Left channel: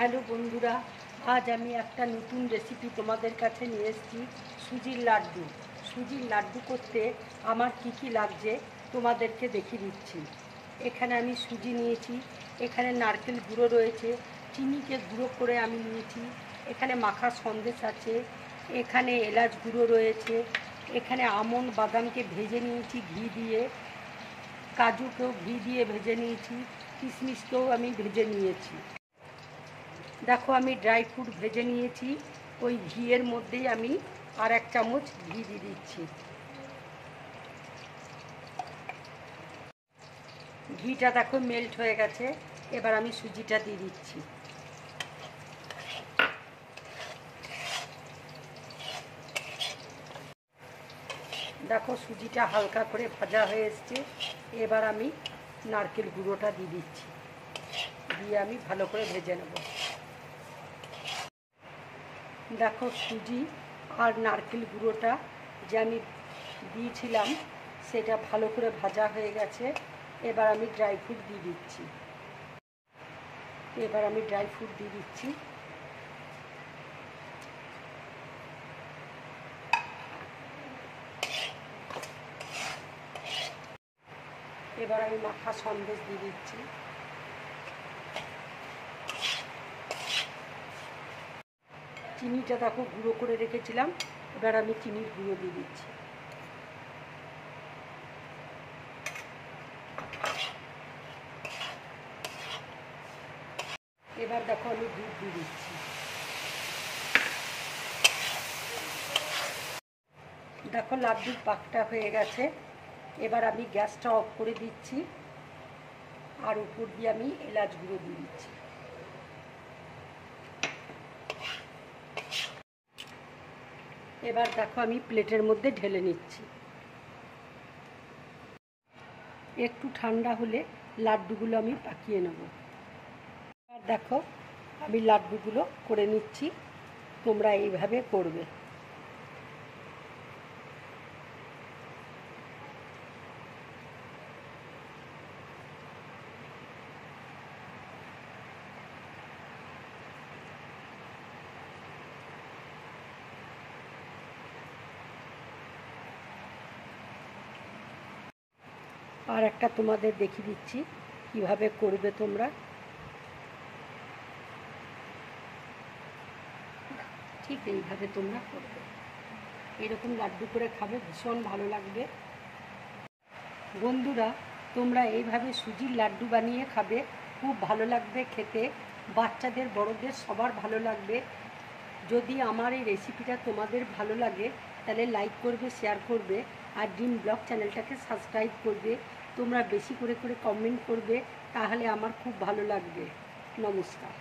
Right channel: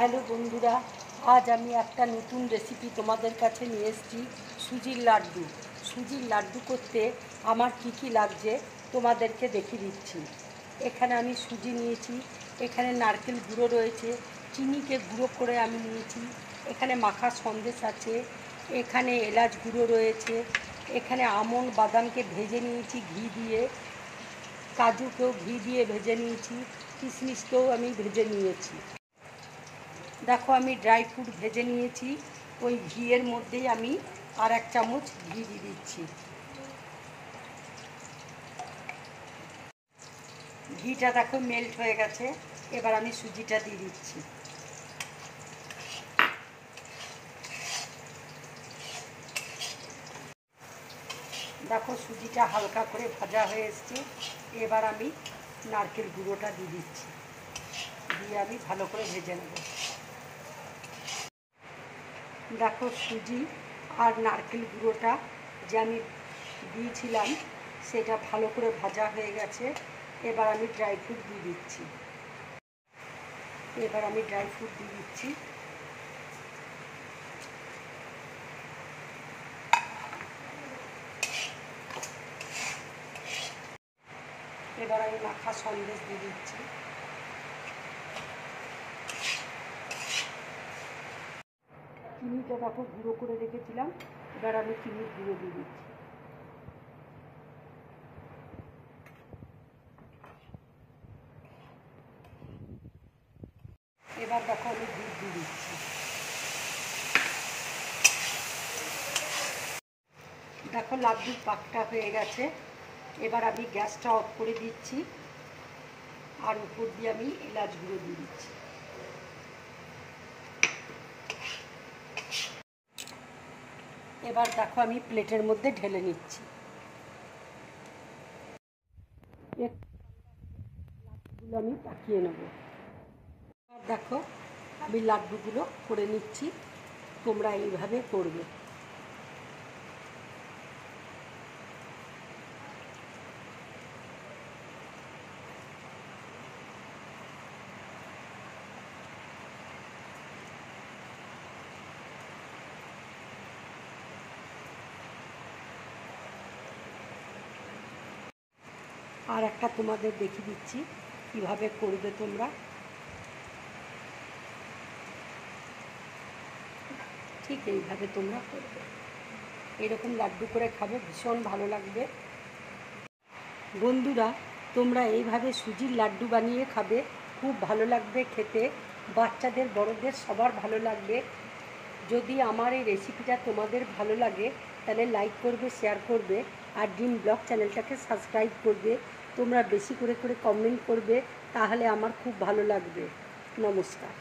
Hello বন্ধুরা, আজ আমি একটা নতুন রেসিপি তোমাদের কাছে নিয়ে এসেছি। সুজির লাড্ডু। সুজির লাড্ডু করতে আমার কি লাগছে তোমাদেরকে দেখিয়ে দিচ্ছি। এখানে আমি সুজি নিয়েছি, এখানে নারকেল গুঁড়ো রয়েছে, চিনিকে গুঁড়ো করে আমি নিয়েছি, এখানে মাখা সন্দেশ আছে, এখানে এলাচ গুঁড়ো রয়েছে, এখানে আমন্ড বাদামকে ভেজে নিয়েছি ঘি দিয়ে, কাজুকেও ঘি দিয়ে ভেজে নিয়েছি, কিশমিশকেও আমি ভেজে নিয়েছি। দেখো আমি ড্রাই ফ্রুট ভেজে নিয়েছি, ওই ঘিয়ের মধ্যেই আমি আর 1 চামচ ঘি দিয়ে দিচ্ছি। ঘিটা দেখো মেল্ট হয়ে গেছে, এবার আমি সুজিটা দিয়ে দিচ্ছি। দেখো সুজিটা হালকা করে ভাজা হয়ে এসছে, এবার আমি নারকেল গুঁড়োটা দিয়ে দিচ্ছি, দিয়ে আমি ভালো করে ভেজে নেব। দেখো সুজি আর নারকেল গুঁড়োটা যে আমি দিয়েছিলাম সেটা ভালো করে ভাজা হয়ে গেছে। এবার আমি ড্রাই ফ্রুট দিয়ে দিচ্ছি। এবার আমি মাখা সন্দেশ দিয়ে দিচ্ছি। চিনিটা দেখো গুঁড়ো করে রেখেছিলাম, এবার আমি চিনির গুঁড়ো দিয়ে দিচ্ছি। এবার দেখো আমি দুধ দিয়ে দিচ্ছি। দেখো লাড্ডুর পাকটা হয়ে গেছে, এবার আমি গ্যাসটা অফ করে দিচ্ছি, আর উপর দিয়ে আমি এলাচ গুঁড়ো দিয়ে দিচ্ছি। এবার দেখো আমি প্লেটের মধ্যে ঢেলে নিচ্ছি। একটু ঠান্ডা হলে লাড্ডুগুলো আমি পাকিয়ে নেব। আর দেখো আমি লাড্ডুগুলো করে নিচ্ছি, তোমরা এইভাবে করবে। আর একটা তোমাদের দেখিয়ে দিচ্ছি কিভাবে করবে তোমরা। ঠিক এইভাবে তোমরা করবে, এরকম লাড্ডু করে খাবে, ভীষণ ভালো লাগবে। বন্ধুরা, তোমরা এইভাবে সুজির লাড্ডু বানিয়ে খাবে, খুব ভালো লাগবে খেতে, বাচ্চাদের বড়দের সবার ভালো লাগবে। যদি আমার এই রেসিপিটা তোমাদের ভালো লাগে তাহলে লাইক করবে, শেয়ার করবে, আর ড্রিম ব্লগ চ্যানেলটাকে সাবস্ক্রাইব করবে। তোমরা বেশি করে কমেন্ট করবে, তাহলে আমার খুব ভালো লাগবে। নমস্কার।